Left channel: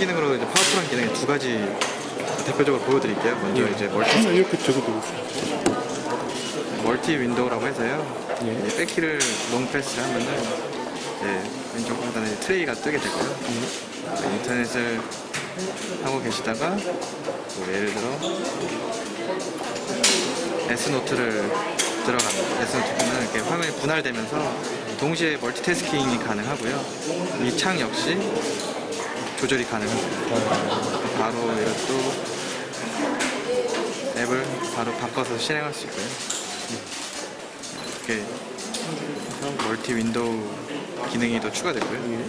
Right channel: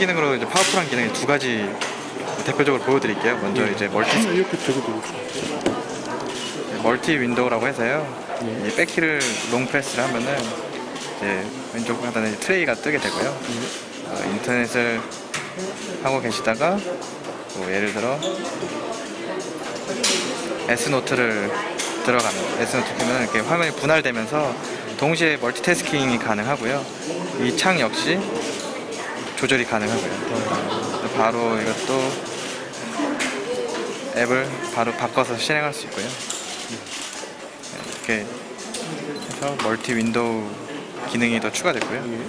기능으로 이제 파워풀한 기능이 두 가지 대표적으로 보여드릴게요. 먼저 예. 이제 멀티 하나 이렇게 적어도 멀티 윈도우라고 해서요. 예. 이 백키를 롱 프레스를 하면은 이제 왼쪽 하단에 트레이가 뜨게 되고요. 어, 인터넷을 하고 계시다가 뭐 예를 들어 S노트를 들어가면 S노트는 이렇게 화면이 분할되면서 동시에 멀티태스킹이 가능하고요. 이 창 역시 조절이. 또 바로 이것도 앱을 바로 바꿔서 실행할 수 있고요. 이렇게 해서 멀티 윈도우 기능이 더 추가됐고요. 예.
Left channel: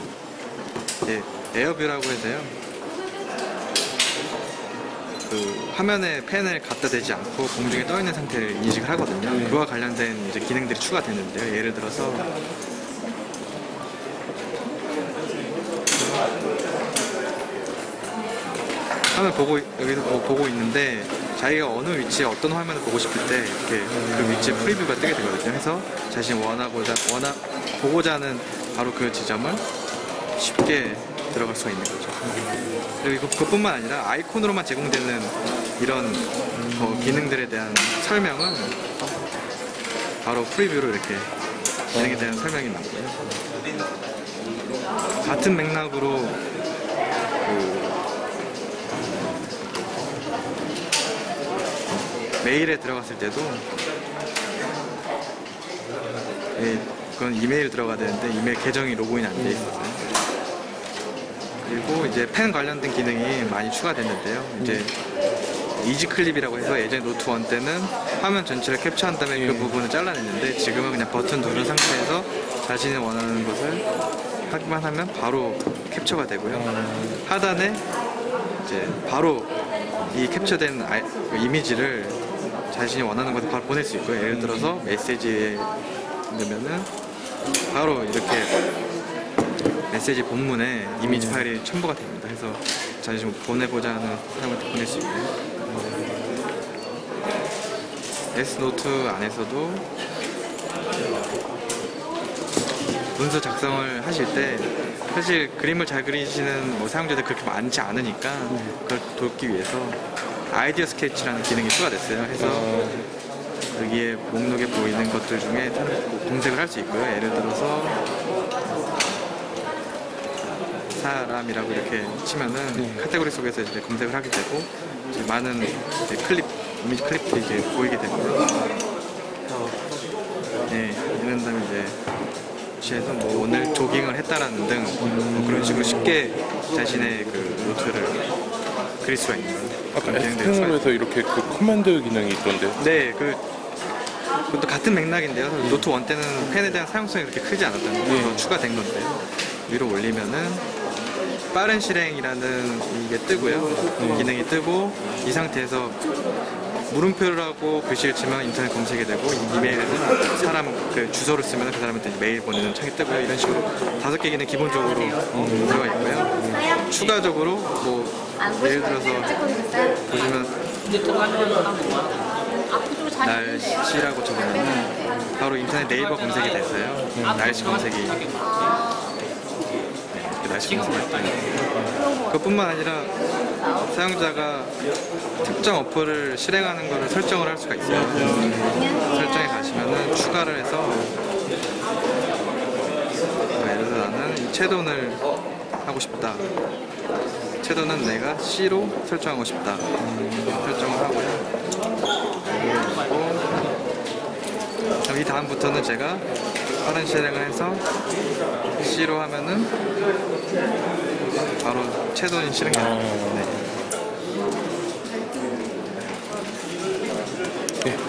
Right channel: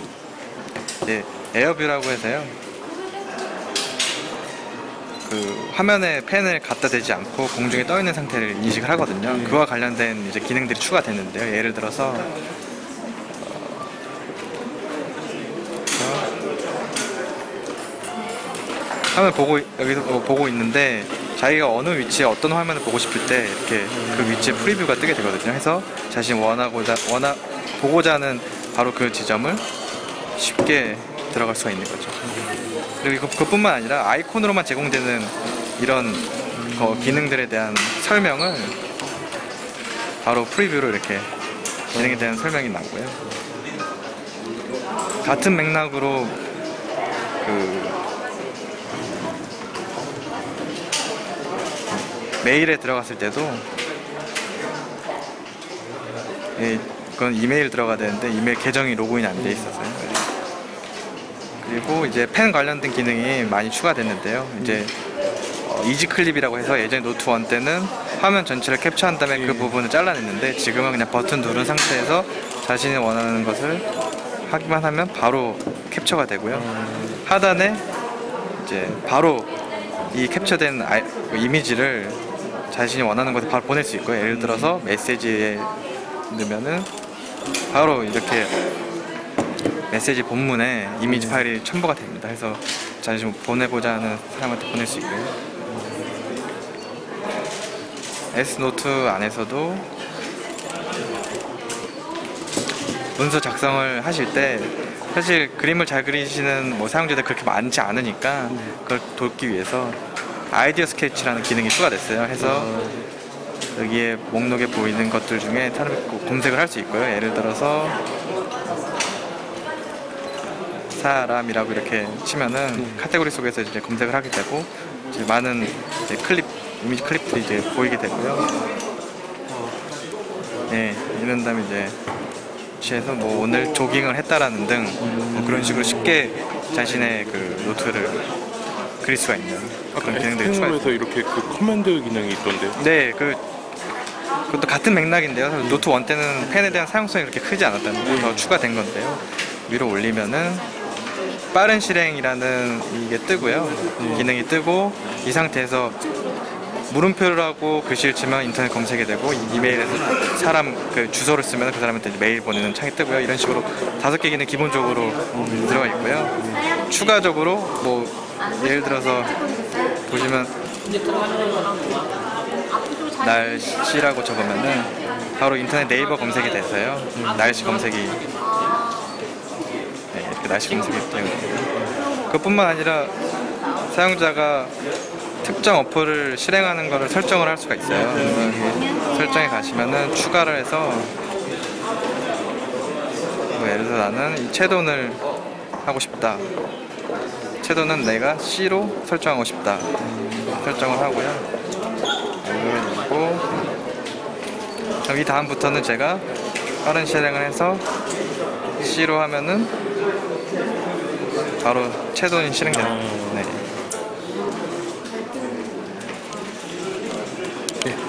이제 에어뷰라고 해서요. 그 화면에 펜을 갖다 대지 않고 공중에 떠 있는 상태를 인식을 하거든요. 예. 그와 관련된 이제 기능들이 추가됐는데요. 예를 들어서 화면 보고 여기서 뭐 보고 있는데 자기가 어느 위치에 어떤 화면을 보고 싶을 때 이렇게 그 위치에 프리뷰가 뜨게 되거든요. 해서 자신이 원하고자 원하 보고자 하는 바로 그 지점을 쉽게 들어갈 수가 있는 거죠. 그리고 그- 그뿐만 아니라 아이콘으로만 제공되는 이런 거 기능들에 대한 설명은 바로 프리뷰로 이렇게 기능에 대한 설명이 나고요. 같은 맥락으로 그 메일에 들어갔을 때도 예, 그건 이메일 들어가야 되는데 이메일 계정이 로그인이 안돼 있어서요. 그리고 이제 펜 관련된 기능이 많이 추가됐는데요. 이제 어, 이지 클립이라고 해서 예전에 노트 1 때는 화면 전체를 캡처한 다음에 그 예. 부분을 잘라냈는데 지금은 그냥 버튼 누른 상태에서 자신이 원하는 것을 하기만 하면 바로 캡처가 되고요. 하단에 이제 바로 이 캡처된 아이- 그 이미지를 자신이 원하는 것을 바로 보낼 수 있고요. 예를 들어서 메시지에 넣으면은 바로 이렇게 메시지 본문에 이미지 네. 파일이 첨부가 됩니다. 해서 자신이 보내고자 하는 사람한테 보낼 수 있고요. S노트 안에서도 문서 작성을 하실 때 사실 그림을 잘 그리시는 뭐 사용자들 그렇게 많지 않으니까 그걸 돕기 위해서 아이디어 스케치라는 기능이 추가됐어요. 해서 여기에 목록에 보이는 것들 중에 다른 검색을 할 수 있고요. 예를 들어서 사람이라고 이렇게 치면은 네. 카테고리 속에서 이제 검색을 하게 되고 이제 많은 이제 클립 이미지 클립들이 이제 보이게 되고요. 예, 이런 다음에 이제 취해서 뭐 오늘 조깅을 했다라는 등뭐 그런 식으로 쉽게 자신의 그 노트를 그릴 수가 있는 아까 S펜으로 해서 이렇게 그 커맨드 기능이 있던데. 네, 그 그것도 같은 맥락인데요. 노트 1 때는 펜에 대한 사용성이 그렇게 크지 않았다는 게더 추가된 건데요. 위로 올리면은 빠른 실행이라는 이게 뜨고요. 기능이 뜨고 이 상태에서 물음표라고 글씨를 치면 인터넷 검색이 되고 이메일에서 사람 그 주소를 쓰면 그 사람한테 메일 보내는 창이 뜨고요. 이런 식으로 다섯 개 기능 기본적으로 들어가 있고요. 추가적으로 뭐 예를 들어서 보시면 날씨라고 적으면은 바로 인터넷 네이버 검색이 됐어요. 날씨 검색이 네, 이렇게 날씨 검색이 되는 그뿐만 아니라 사용자가 특정 어플을 실행하는 것을 설정을 할 수가 있어요. 설정에 가시면은 추가를 해서 뭐 예를 들어 나는 이 채돈을 하고 싶다. 채도는 내가 C로 설정하고 싶다. 설정을 하고요. 알고 여기 다음부터는 제가 빠른 실행을 해서 C로 하면은 바로 채돈이 실행돼요. 네.